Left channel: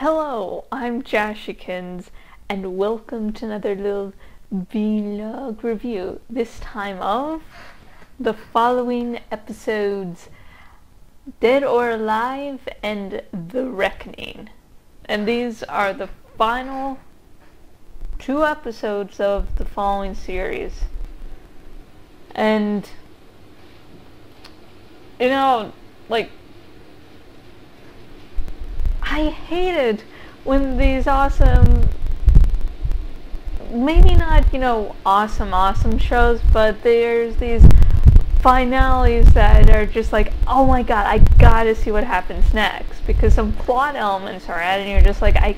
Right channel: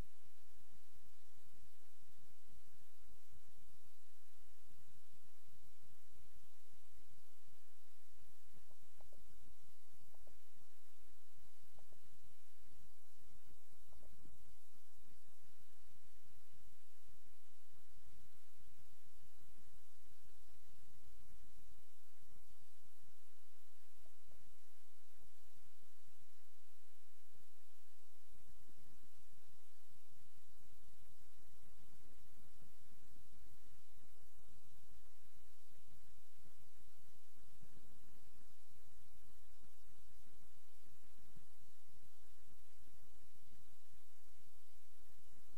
Hello, I'm Jashykins, and welcome to another little vlog review, this time of the following episodes, Dead or Alive and The Reckoning. And these are the final two episodes of the following series. And, I hated when these awesome, maybe not, awesome shows, but there's these finales that are just like, oh my god, I gotta see what happens next, because some plot elements are added and you're just like, I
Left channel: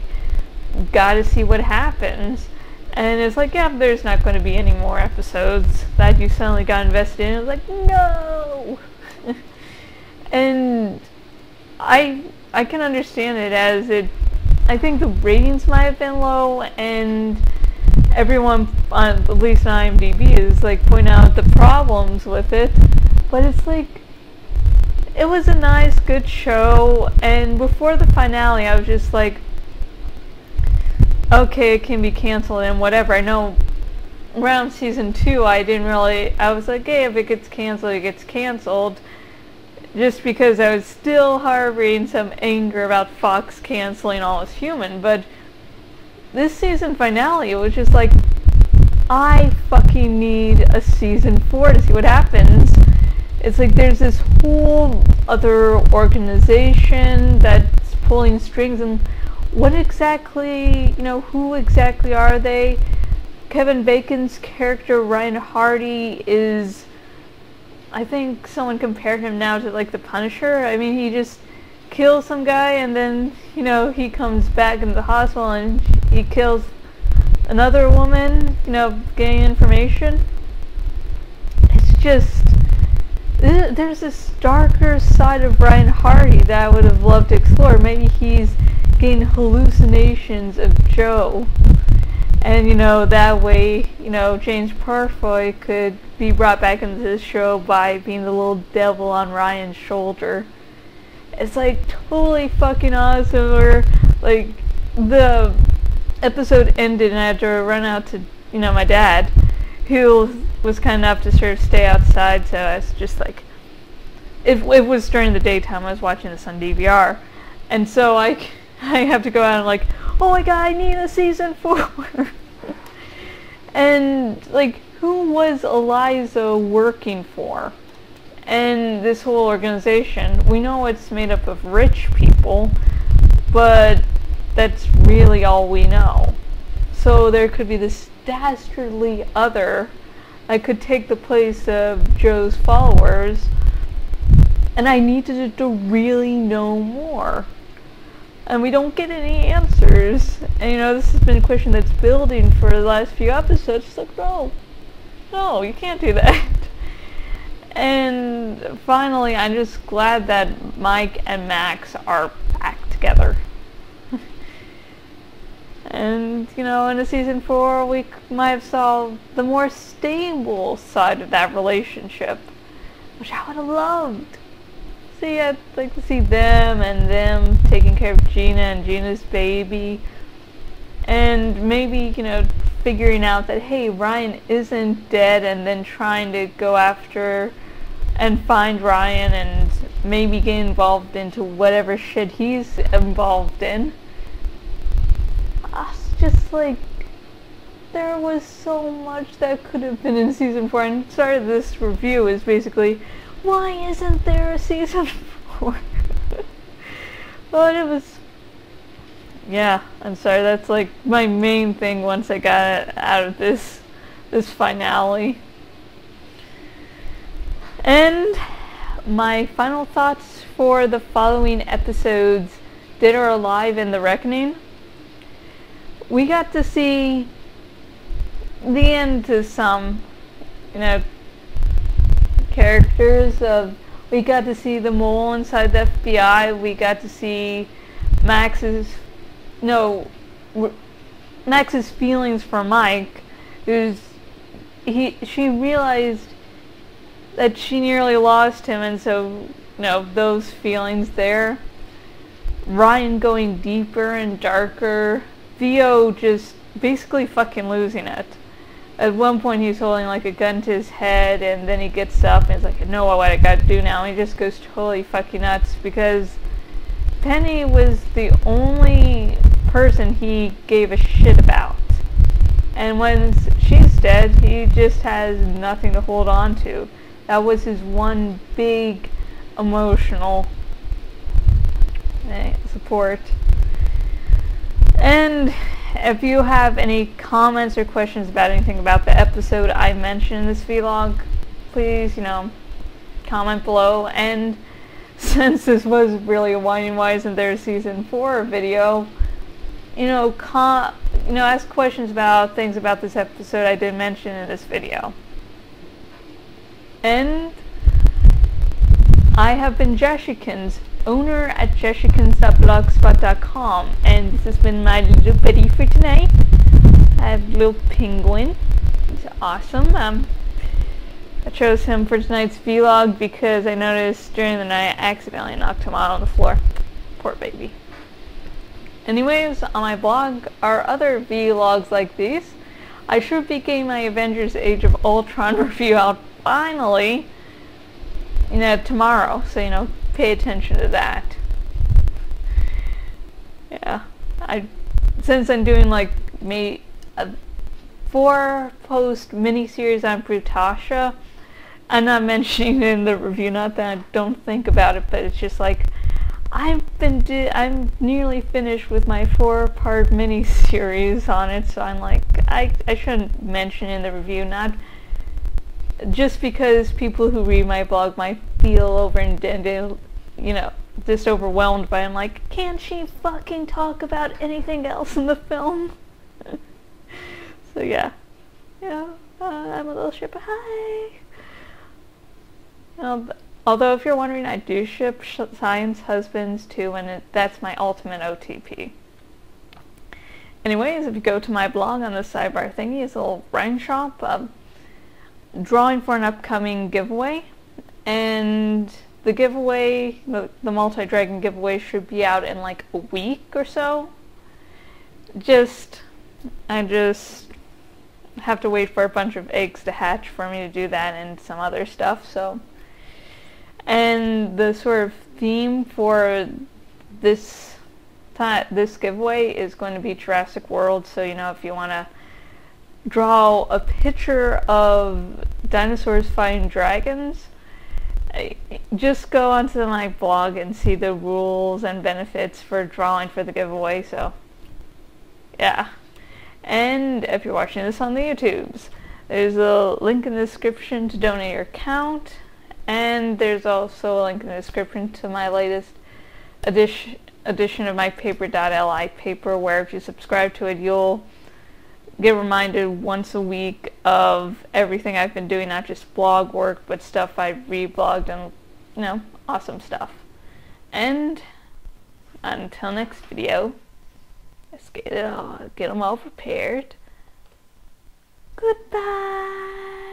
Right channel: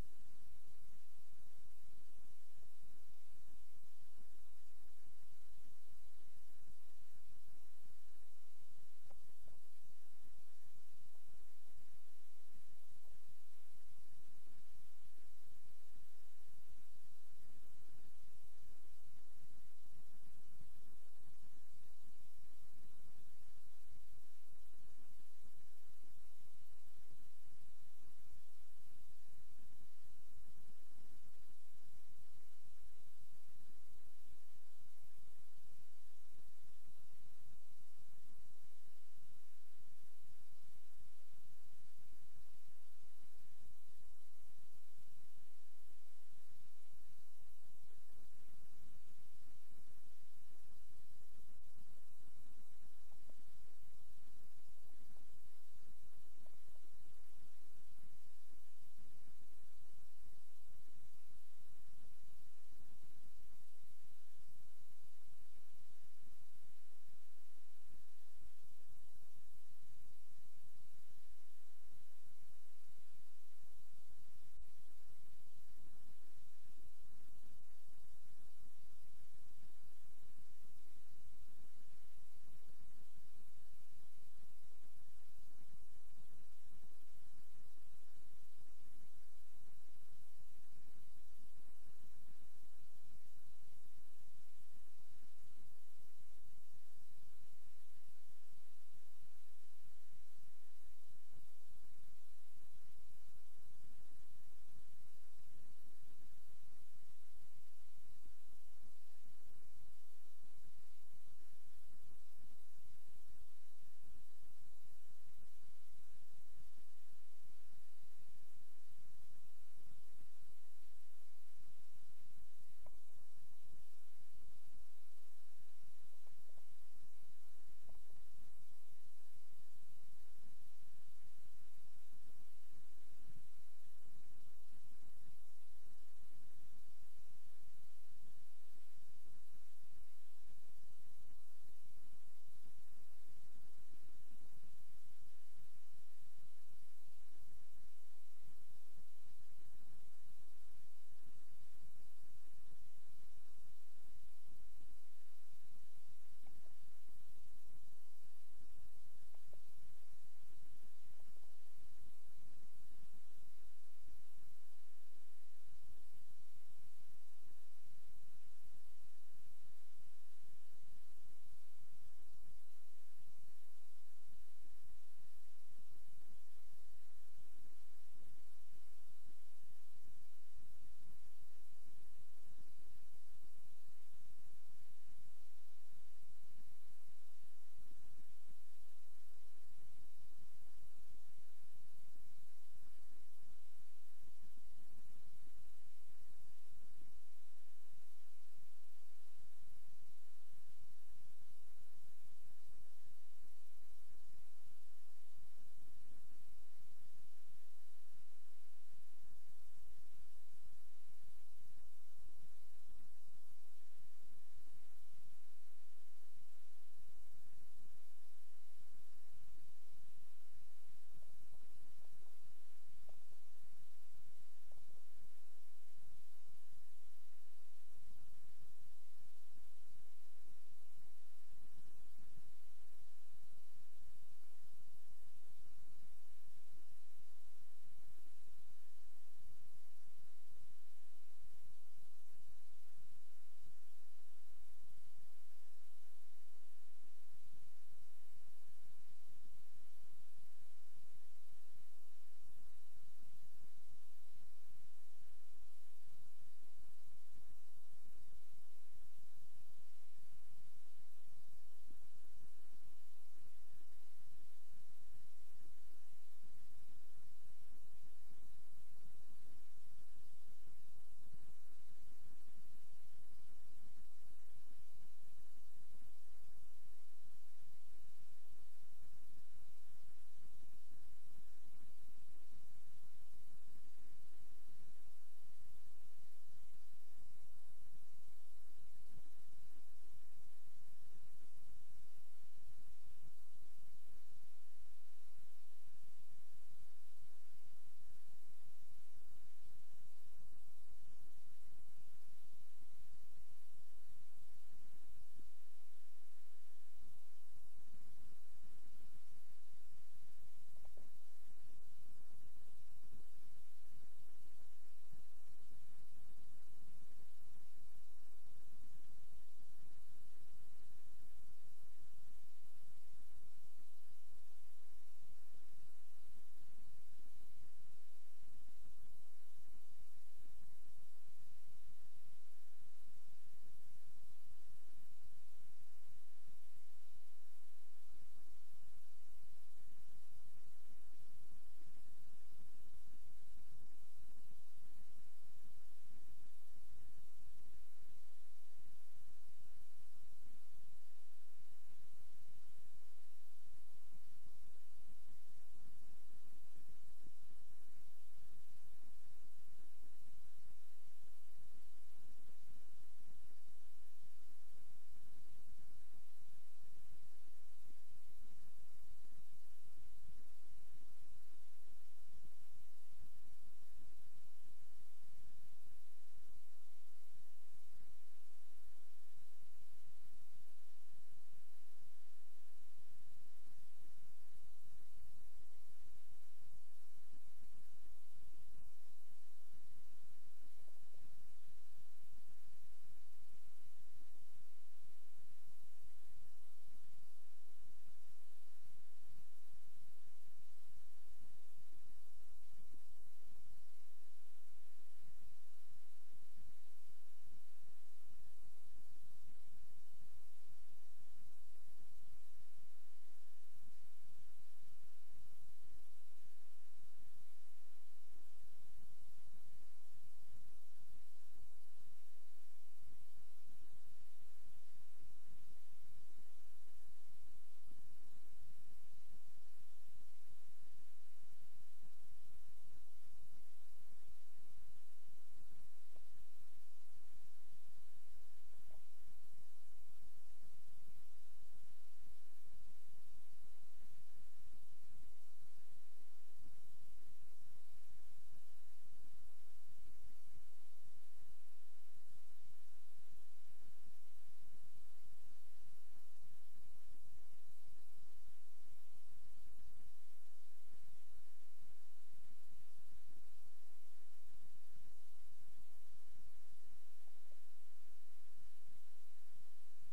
gotta see what happens. And it's like, yeah, there's not going to be any more episodes that you suddenly got invested in. It was like, no! And I can understand it, as I think the ratings might have been low, and everyone, at least on IMDb, is like pointing out the problems with it. But it's like, it was a nice, good show, and before the finale I was just like, okay, it can be canceled and whatever. I know around season 2 I was like, hey, if it gets canceled, it gets canceled. Just because I was still harboring some anger about Fox canceling All Is Human. But this season finale, it was just like, I fucking need a season 4 to see what happens. It's like there's this whole other organization that's pulling strings, and what exactly, who exactly are they? Kevin Bacon's character, Ryan Hardy, is, I think someone compared him now to like the Punisher. I mean, he just kills some guy and then, he comes back into the hospital and he kills another woman, getting information. It's just, there's this darker side of Ryan Hardy that I would have loved to explore. Maybe he's getting hallucinations of Joe. And, that way, James Purfoy could be brought back into the show by being the little devil on Ryan's shoulder. It's like totally fucking awesome. Or like the episode ended and I had to run out to, my dad, who was kind enough to sort of stay outside, so I was just like, it was during the daytime, I was watching this on DVR, and so I have to go out and like, oh my god, I need a season 4. And like, who was Eliza working for? And this whole organization, we know it's made up of rich people, but that's really all we know. So there could be this dastardly other that could take the place of Joe's followers, and I needed to really know more. And we don't get any answers. And this has been a question that's building for the last few episodes. It's like, no, you can't do that. And finally, I'm just glad that Mike and Max are back together. And, in a season 4, we might have saw the more stable side of that relationship, which I would have loved. See, I'd like to see them taking care of Gina and Gina's baby, and maybe, figuring out that, hey, Ryan isn't dead, and then trying to go after and find Ryan and maybe get involved into whatever shit he's involved in. It's just like, there was so much that could have been in season 4, and sorry, this review is basically, why isn't there a season 4? But it was, yeah, I'm sorry, that's like my main thing once I got out of this finale. And my final thoughts for the following episodes, Dead or Alive and The Reckoning. We got to see the end to some, characters of, we got to see the mole inside the FBI, we got to see Max's feelings for Mike, she realized that she nearly lost him, and so, those feelings there. Ryan going deeper and darker, Theo just basically fucking losing it. At one point he's holding like a gun to his head, and then he gets up and he's like, I know what I gotta do now. And he just goes totally fucking nuts because Penny was the only person he gave a shit about. And when she's dead, he just has nothing to hold on to. That was his one big emotional support. And if you have any comments or questions about anything about the episode I mentioned in this vlog, please, comment below. And since this was really a Winding Wise and their season 4 video, ask questions about things about this episode I did mention in this video. And I have been Jashykins, owner at jashykins.blogspot.com, and this has been my little buddy for tonight. I have a little penguin. He's awesome. I chose him for tonight's vlog because I noticed during the night I accidentally knocked him out on the floor. Poor baby. Anyways, on my blog are other vlogs like these. I should be getting my Avengers Age of Ultron review out finally, tomorrow, so pay attention to that. Yeah, since I'm doing like a 4-post mini-series on Brutasha, I'm not mentioning it in the review, not that I don't think about it, but it's just like I'm nearly finished with my 4-part mini-series on it, so I'm like, I shouldn't mention it in the review, not just because people who read my blog might feel just overwhelmed by it. I'm like, can't she fucking talk about anything else in the film? So yeah, I'm a little shipper. Hi. Although if you're wondering, I do ship Science Husbands too, and that's my ultimate OTP. Anyways, if you go to my blog on the sidebar thingy, it's a little writing shop. Drawing for an upcoming giveaway, and the giveaway, the multi-dragon giveaway, should be out in like a week or so. I just have to wait for a bunch of eggs to hatch for me to do that and some other stuff. So, and the sort of theme for this giveaway is going to be Jurassic World. So if you want to draw a picture of dinosaurs fighting dragons, just go onto my blog and see the rules and benefits for drawing for the giveaway. So yeah, and if you're watching this on the YouTubes, there's a link in the description to donate your account, and there's also a link in the description to my latest edition of my paper.li paper, where if you subscribe to it, you'll get reminded once a week of everything I've been doing, not just blog work, but stuff I've reblogged and, awesome stuff. And until next video, let's get them all prepared. Goodbye.